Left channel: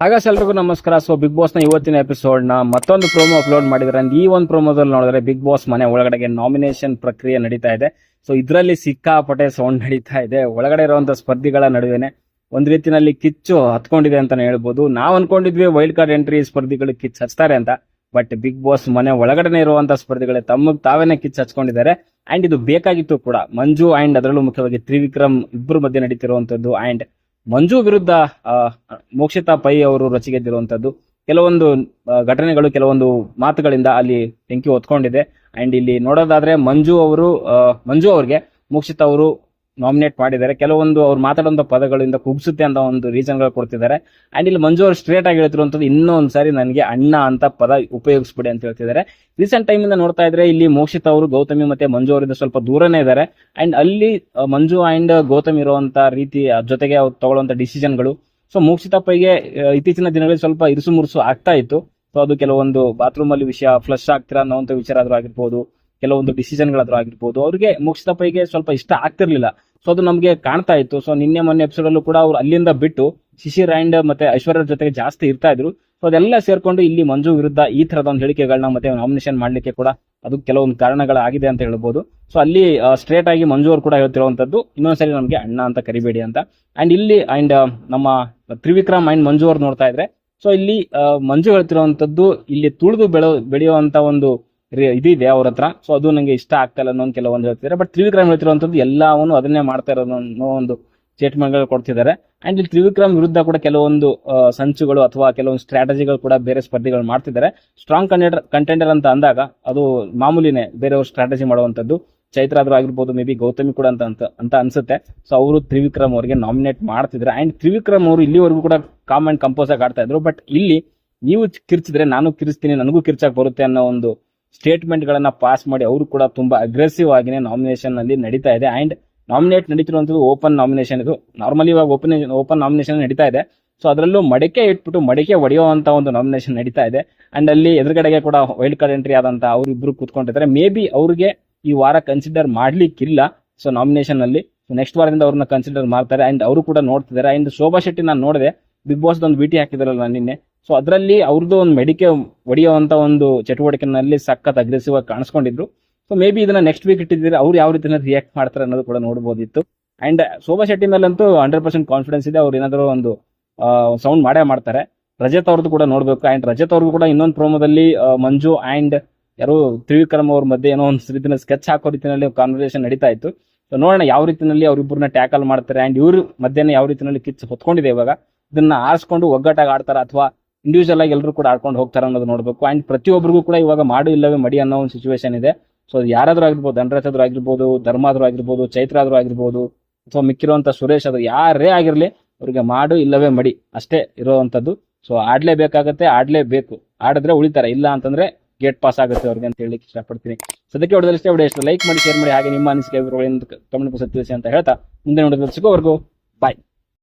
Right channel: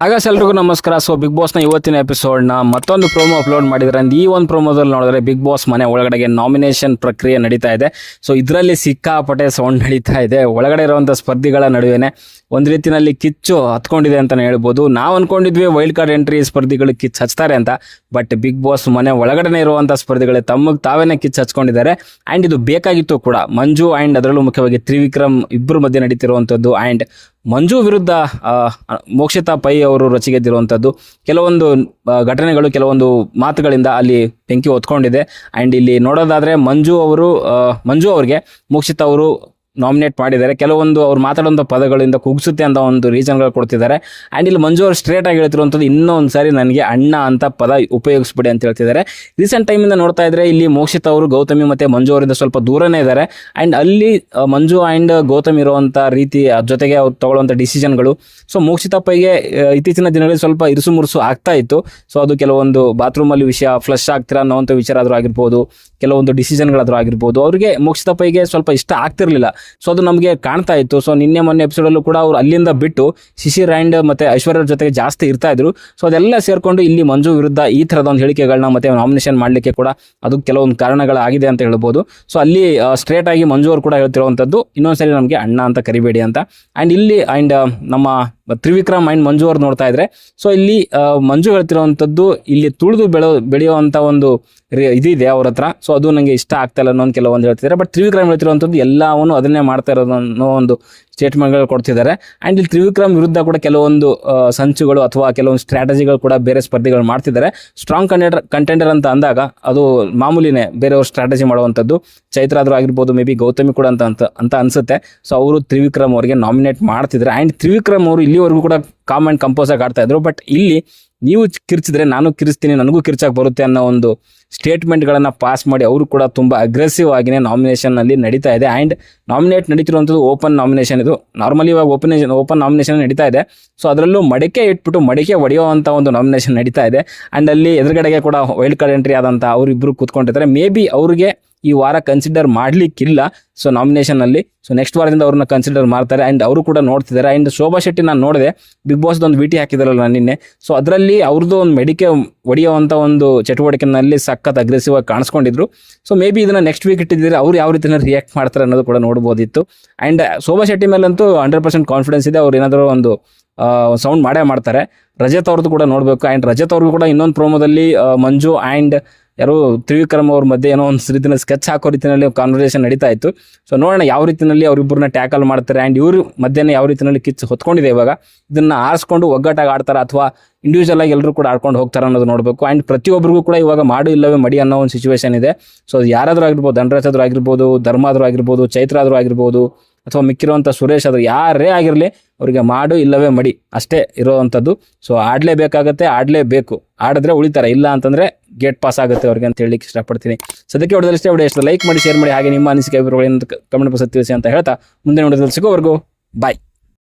ಹಾಗಾಸ್ ಎಲ್ರಿಗೂ ನಮಸ್ಕಾರ. So big ಬಾಸ್ನ ಇವತ್ತಿನ ಎಪಿಸೋಡ್ನ ಮತ್ತೊಂದು ಪ್ರೋಮೋ ಅಪ್ಲೋಡ್ ಮಾಡಿದ್ರೆ ಈ ಒಂದು ಪ್ರೋಮೋದಲ್ಲಿ ನೋಡಿದ್ರೆ ಬಿಗ್ ಬಾಸ್ ಮನೆ ಒಳಗಡೆಗೆ ನಾಮಿನೇಷನ್ ಪ್ರಕ್ರಿಯೆ ನಡೀತಾ ಇದೆ. ಸೊ ಇದರಲ್ಲಿ ಸಿಕ್ಕಾಪಟ್ಟೆ ಸೌಂಡ್ ನಡೀತಾ ಇದೆ. ಒಳಗಡೆ ಇರುವಂಥ ಸ್ಪರ್ಧಿಗಳ ನಡುವೆನೆ ಒಂದು ರೀತಿಯಲ್ಲಿ ಕಿಚ್ಚು ಹತ್ಕೊಂಡಿದೆ ಅಂತಲೇ ಹೇಳ್ಬೋದು. ನಾವು ಅನ್ಕೊಂಡಿದ್ವಿ ವೈಲ್ಡ್ ಕಾರ್ಡ್ ಎಂಟ್ರಿ ಸ್ಪರ್ಧಿಗಳು ಕಿಚ್ಚು ಹಚ್ತಾರೆ ಅಂತ. ಬಟ್ ಬಿಗ್ ಬಾಸ್ ಮನೆ ಒಳಗಡೆ ಇರುವಂಥ ಸ್ಪರ್ಧಿಗಳೇ ತಮಗೆ ತಾವೇ ಕಿಚ್ಚು ಹಚ್ಕೊಂಡಿದ್ದಾರೆ. ಆ್ಯಂಡ್ ಇದು ಬೇಕಾಗಿತ್ತು ಕೂಡ. ಮಂಜು ಆ್ಯಂಡ್ ಅದರಲ್ಲೂ ಮುಖ್ಯವಾಗಿ ತ್ರಿವಿಕ್ರಮ್ ಇಬ್ಬರು ಮಧ್ಯೆ ನಡೀತಿರುವಂಥದ್ದು ಆ್ಯಂಡ್ ಮಂಜು ವಿರುದ್ಧ ಮೋಕ್ಷಿತಾ ಪೈ ಅವರು ರಚಿಗೆದ್ದಿರುವಂಥದ್ದು ಕೆಲವೊಂದು ಘಟನೆಗಳು, ಕೆಲವೊಂದು ಮಾತುಗಳಿಂದ ಅಲ್ಲಿ ಬೆಂಕಿ ಹೊತ್ಕೊಂಡಿದೆ. ಆ್ಯಂಡ್ ಇಲ್ಲಿ ನೋಡೋದಾದರೆ ಮಂಜು ಅವರು ಮಂಜು ಅವರಿಗೆ ಮೋಕ್ಷಿತಾ ಅವರು ನಾಮಿನೇಟ್ ಮಾಡಿದ್ದಾರೆ. ಕೆಲವೊಂದು ಅವ್ರು ಮಾತಾಡುವಂಥ ಪದಗಳಿಂದ ಕುಗ್ಸುತ್ತೆ ಅಂತ ಒಂದು ರೀಸನ್ಗಳು ಕೊಡ್ತಿದ್ದಾರೆ. ಆ್ಯಂಡ್ ಇಲ್ಲಿ ಮಂಜು ಅವರು ಸ್ಟ್ರೇಟ್ ಆಗಿ ಹೇಳ್ತಿರುವಂಥದ್ದು ಇನ್ನೊಂದು ಸಾರಿ ನನಗೆ ಅಣ್ಣ ಅಂತ ಪದ ಉಪಯೋಗಿಸ್ಬಿಡಿ ಅಂತ ಹೇಳ್ತಿದ್ದಾರೆ. ರೀಸೆಂಟ್ ಟೈಮಿಂದ ನೋಡ್ತಾ ಇದ್ದರೆ ಇಲ್ಲಿ ಮೋಕ್ಷಿತ್ ಅವರು, ಗೌತಮಿ ಮತ್ತು ಮಂಜು ಅವರಿಂದ ಸ್ವಲ್ಪ ದೂರನೇ ಇದ್ದಾರೆ. ಆ್ಯಂಡ್ ಅಲ್ಲಿ ಮಂಜು ಆ್ಯಂಡ್ ಗೌತಮ್ ಇರುವಂಥ ರೀತಿ ಜೊತೆಗೆ ಅವ್ರು ತಗೊಳ್ಳುವಂಥ ಡಿಸಿಷನ್ಗಳು ಸೊ ಮೋಕ್ಷಿತಪ್ಪಗೆ ಇತ್ತೀಚಿನ ದಿನಗಳಲ್ಲಿ ಸ್ವಲ್ಪ ಇರುಸು ಮುರುಸು ಆಗ್ತಾ ಇತ್ತು. ಸೊ ಅದು ಕೆಲವೊಂದು ಬಾತ್ರೂಮಲ್ಲಿ ವಿಷಯ ಫ್ಲಶ್ ಆಗ್ತಿರ ಅನ್ನೋವಂಥ ವಿಚಾರ ಆದರೂ ಆಗಿರ್ಬೋದು, ಕೆಲವೊಂದು ಡಿಸಿಷನ್ಗಳಾದರೂ ಆಗಿರ್ಬೋದು, ಅವರಿಗೆ ಮೋಕ್ಷಿತಪ್ಪಗೆ ಸ್ವಲ್ಪ ಇಷ್ಟ ಆಗ್ತಿರ್ಲಿಲ್ಲ. ಸೊ ಅದು ನಮಗೆ ಕಾಣ್ತಾ ಇತ್ತು. ಸೊ ನಿನ್ನೆ ಮೊನ್ನೆ ಎಪಿಸೋಡಲ್ಲೂ ಕೂಡ ಅವರು ಅಲ್ಲಿಂದ ಬಿಟ್ಟು ಶಿಶಿ ಆ್ಯಂಡ್ ಮತ್ತು ಐಶ್ವರ್ಯ ಜೊತೆಗೆ ಜಾಸ್ತಿ ಇರ್ತಾ ಇದ್ರು. ಸೊ ಅದೆಲ್ಲ ಸೇರಿಕೊಂಡು ಇಲ್ಲಿ ಮಂಜು ವಿರುದ್ಧ ಈ ಥರದ ಒಂದು ಹೇಳಿಕೆಗಳನ್ನ ಮತ್ತೆ ನಾಮಿನೇಷನ್ ಮಾಡಲಿಕ್ಕೆ ಕೂಡ ಅದು ಕೆಲವೊಂದು ಕಾರಣಗಳಾಗಿದೆ ಅಂತ ಹೇಳ್ಬೋದು. ಸೊ ಅಲ್ಲಿ ಸ್ಟ್ರೇಟ್ ಆಗಿ ಮಂಜು ಅವರು ಕೂಡ ಹೇಳ್ತಿರುವಂಥದ್ದು, ಇನ್ನೊಂದ್ಸರಿ ನಮಗೆ ಅಣ್ಣ ಅಂತ ಕರಿಬೇಡಿ ಅಂತ. ಆ್ಯಂಡ್ ಇಲ್ಲಿ ಆ್ಯಂಡ್ ನಮ್ಮ ತ್ರಿವಿಕ್ರಮ್ ಮೈಂಡ್ ಮಂಜು ಅವ್ರು ನೋಡ್ತಾ ಇದ್ರೆ. ಸೊ ಇಲ್ಲಿ ಮಂಜು ಹೇಳ್ತಿರುವಂಥದ್ದು ಇಲ್ಲಿ ತುಳಿದು ಬೆಳೆ ಬೆಳೆಯುವಂಥ ಒಂದು ಇದಿದೆ ಅವ್ರ ಹತ್ರ. ಸೊ ಅದು ನನಗೆ ಇಷ್ಟ ಆಗ್ತಾ ಇಲ್ಲ ಅನ್ನೋ ಕೆಲವೊಂದು ಹೇಳ್ತಿದ್ದಾರೆ ಬಟ್ ತ್ರಿವಿಕ್ರಮ್ ಹೇಳ್ತಿರುವಂಥದ್ದು ಎಲ್ಲವನ್ನು ಅದನ್ನೇ ಮಾಡ್ತಾ ಇರೋದು ಅನ್ನೋ ಒಂದು ಸ್ಟೇಟ್ಮೆಂಟ್ಗಳು ಕೊಡ್ತಿದ್ದಾರೆ. ಆ್ಯಂಡ್ ಇಲ್ಲಿ ತ್ರಿವಿಕ್ರಮ್ ವಿರುದ್ಧ ಕೂಡ ಕೆಲವೊಂದು ಸಂಚುಗಳು ಅಥವಾ ಕೆಲವೊಂದು ಸ್ಟ್ರಾಟಜಿಗಳು ಕೂಡ ಬೇರೆ ಸ್ಪರ್ಧಿಗಳು ಮಾಡ್ತಿದ್ದಾರೆ. ಸ್ಟ್ರಾಂಗ್ ಕಂಟೆಂಡರ್ ಕಂಟೆಂಡರ್ ಅಂತ ಅಂದಾಗ ಅದು ಮಾಮೂಲಿನೇ ಬೇರೆಯವ್ರು ಸ್ಟ್ರಾಟಜಿ ಮಾಡುವಂಥದ್ದು. ಚೈತ್ರಾದ್ರು ಆಗಿರ್ಬೋದು ಮೇ ಬಿ ಗೌತಮಿ ಕೂಡ ಅಂತ ಅಂತ ಅಂತ ಅನಿಸುತ್ತೆ. ಸೊ ಅವರು ತ್ರಿವಿಕ್ರಮ್ ಅವರಿಗೆ ನಾಮಿನೇಟ್ ಮಾಡ್ತಿದ್ದಾರೆ. ಆ್ಯಂಡ್ ತ್ರಿವಿಕ್ರಮ್ ಅವರು ಇಲ್ಲಿವರೆಗೂ ಕೂಡ ಕಾಮ್ ಆ್ಯಂಡ್ ಕಂಪೋಸ್ ಆಗಿ ಬಟ್ ಇಲ್ಲಿ ನೀವು ಕಿರ್ಚಿದ್ರೆ ನಾನು ಕಿರಿಸ್ತೀನಿ ನನಗೂ ಕಿರ್ಚಾಕ್ ಬರುತ್ತೆ ಅನ್ನೋ ಒಂದು ಸ್ಟೇಟ್ಮೆಂಟ್ಗಳನ್ನು ಪಾಸ್ ಮಾಡಿ ಅವರು ಕೂಡ ತುಂಬ ಅಗ್ರೆಸಿವ್ ಆಗಿನೇ ನಾಮಿನೇಷನ್ನಲ್ಲಿ ನಡೀತಾ ಇದೆ. ಆ್ಯಂಡ್ ನಾಮಿನೇಟ್ ನಡೀತಿರುವಂಥದ್ದು ಓಪನ್ ನಾಮಿನೇಷನ್ ಇದು. ನಾರ್ಮಲಿ ಇವಾಗ ಓಪನ್ ಓಪನ್ ನಾಮಿನೇಷನ್ ನಡೀತಾ ಇದೆ. ಸೊ ಅದರಲ್ಲೂ ಮಡಿಕೆ ಇಟ್ಬಿಟ್ಟು ಮಡಿಕೆ ಒಡೆಯುವಂಥ ಒಂದು ನಾಮಿನೇಷನ್ ನಡೀತಾ ಇದೆ. ಆ್ಯಂಡ್ ಅಲ್ಲಿ ಎದುರುಗಡೆಗೆ ಕೂಡ ವೈಲ್ಡ್ ಕಾರ್ಡ್ ಎಂಟ್ರಿ ಆದಂಥ ಅವರಿಬ್ಬರು ಕೂತ್ಕೊಂಡಿದ್ದಾರೆ. ಮೇ ಬಿ ಅವ್ರಿಗೆ ಈ ವಾರ ಕನ್ಸಿಡರ್ ಮಾಡಲಿಕ್ಕಿಲ್ಲ. ಸೊ ನಾಮಿನೇಷನಲ್ಲಿ ಸೊ ನೆಕ್ಸ್ಟ್ ವಾರದಿಂದ ಅವ್ರನ್ನ ಕನ್ಸಿಡರ್ ಮಾಡ್ತಾರೆ. ಆ್ಯಂಡ್ ಅವರು ಕೂಡ ನೋಡ್ತಿದ್ದಾರೆ ಆ್ಯಂಡ್ ಶೋಭಾ ಶೆಟ್ಟಿ ನಾನು ನೋಡಿದೆ. ಬಿಗ್ ಬಾಸ್ ಒಂದು ವಿಟಿ ಹಾಕಿದಾರಲ್ಲ ನಾನು ನಿನ್ನೆ. ಸೊ ಅದರಲ್ಲಿ ಅವ್ರದ್ದು ಒಂದು ಮೆಡಿಕೆ ಹೊಡೆಯುವಂಥ ಒಂದು ಚಟುವಟಿಕೆನಲ್ಲಿ ಸಖತ್ ಅಗ್ರೆಸಿವ್ ಆಗಿ ಕಾಣಿಸ್ಕೊಂಡಿದ್ರು. ಸೊ ಮೇ ಬಿ ಇದನ್ನ ನೆಕ್ಸ್ಟ್ ವೀಕ್ ಇಟ್ಟಿದ್ದರೆ, ಅವ್ರು ಯಾವ ರೀತಿಯ ರಿಯಾಕ್ಟ್ ಮಾಡ್ತಾರೆ ಅನ್ನೋದು ಕೂಡ ನೋಡ್ಬೋದಿತ್ತು. ಆ್ಯಂಡ್ ಶೋಭಾ ಶೆಟ್ಟಿ ಮೇಲಂತೂ ಹಂಡ್ರೆಡ್ ಪರ್ಸೆಂಟ್ ಕಾನ್ಫಿಡೆನ್ಸ್ ಇದೆ. ಅವ್ರು ಏನಾದರೂ ಒಂದು ಸೌಂಡ್ ಮಾಡೇ ಮಾಡ್ತಾರೆ. ರಜತ್ ಅವ್ರದ್ದು ಕೂಡ ನೋಡಬೇಕು. ಆ್ಯಂಡ್ ರಜತ್ ಅವ್ರಿಗೂ ಕೂಡ ಇನ್ನೊಂದು ಪ್ರೋಮೋದಲ್ಲಿ ಮಂಜು ಆ್ಯಂಡ್ ಯಾರು ತ್ರಿವಿಕ್ರಮ್ ಅವ್ರ ಮಧ್ಯೆ ಏನೋ ಒಂದು ರೀತಿಯಲ್ಲಿ ಸ್ಕೆಚ್ ಹಾಕೋ ರೀತಿಯಲ್ಲಿ ಕಾನ್ವರ್ಸೇಷನ್ ನಡೀತಾ ಇತ್ತು. ಸೊ ನೋಡೋಣ ಯಾವ ರೀತಿಯಲ್ಲಿ ಅವರಿಬ್ಬರನ್ನ ಟ್ಯಾಕಲ್ ಮಾಡ್ತಾರೆ ಆ್ಯಂಡ್ ಇವರು ಮಧ್ಯಾಹ್ನ ಯಾವ ರೀತಿಯಲ್ಲಿ ಕಿಚ್ಚು ಹೊತ್ಕೊಂಡಿದೆ ಇವಾಗ. ಇದನ್ನ ಆರಿಸ್ಕೊಂಡು ಒಗ್ಗಟ್ಟಾಗಿ ಆಡ್ತಾರೆ ಅಥವಾ ಇಂಡಿವಿಜುವಲ್ ಆಗಿ ಎಲ್ಲರೂ ಕೂಡ ಆಡ್ಕೊಂಡು ಹೋಗ್ತಾರೆ ಅನ್ನೋದು ನೋಡಬೇಕು. ಆ್ಯಂಡ್ ಪ್ರತಿಯೊಬ್ಬರಿಗೂ ಕೂಡ ಇವಾಗ ಮಾಡು ಇಲ್ಲವೇ ಮಡಿ ಅನ್ನೋ ಒಂದು ಸಿಚುವೇಶನ್ ಇದೆ. ಸೊ ಯಾರಾದರೂ ಆಗಿರ್ಬೋದು ಧನರಾಜ್ ಆಗಿರ್ಬೋದು ಧರ್ಮ ಆದರೂ ಆಗಿರ್ಬೋದು ಚೈತ್ರ ಆದರೂ ಆಗಿರ್ಬೋದು ಅಥವಾ ಮಿಕ್ಕಿರುವಂಥ ಸುರೇಶ್ ಆದರೂ ಯಾರೇ ಆಗಿರಲಿ ಅವರಿಗೆ ಮಾಡು ಇಲ್ಲವೇ ಮಡಿ ಅಷ್ಟೇ ಇರೋವಂಥದ್ದು. ಸೊ ಆಡಲೇಬೇಕಾಗತ್ತೆ, ಆಡಲೇಬೇಕು. ಆಡಿದ್ರೆ ಉಳಿತಾರೆ. ಇಲ್ಲ ಅಂತಂದ್ರೆ ಗೇಟ್ ಪಾಸ್ ಆಗುತ್ತೆ ಅವ್ರಿಗೆ ಅಂತ ಹೇಳಿಕ್ಕೆ ಇಷ್ಟಪಡ್ತೀನಿ. ಸದ್ಯಕ್ಕೆ ಹೊಡೆದಲ್ಲಿ ಇಷ್ಟೇ ವಿಡಿಯೋ ಇಷ್ಟ ಲೈಕ್ ಮಾಡಿ ಶೇರ್ ಮಾಡಿ, ಹಾಗೆ ನಿಮ್ಮ ಅನಿಸಿಕೆ, ಅಭಿಪ್ರಾಯಗಳನ್ನು ಕಮೆಂಟ್ ಬಾಕ್ಸ್ ತಿಳಿಸಿ ಅಂತ ಹೇಳ್ತಾ ಮುಂದೆ ನೋಡೋದ್ರಲ್ಲಿ ಸಿಗೋವರೆಗೂ ಬಾಯ್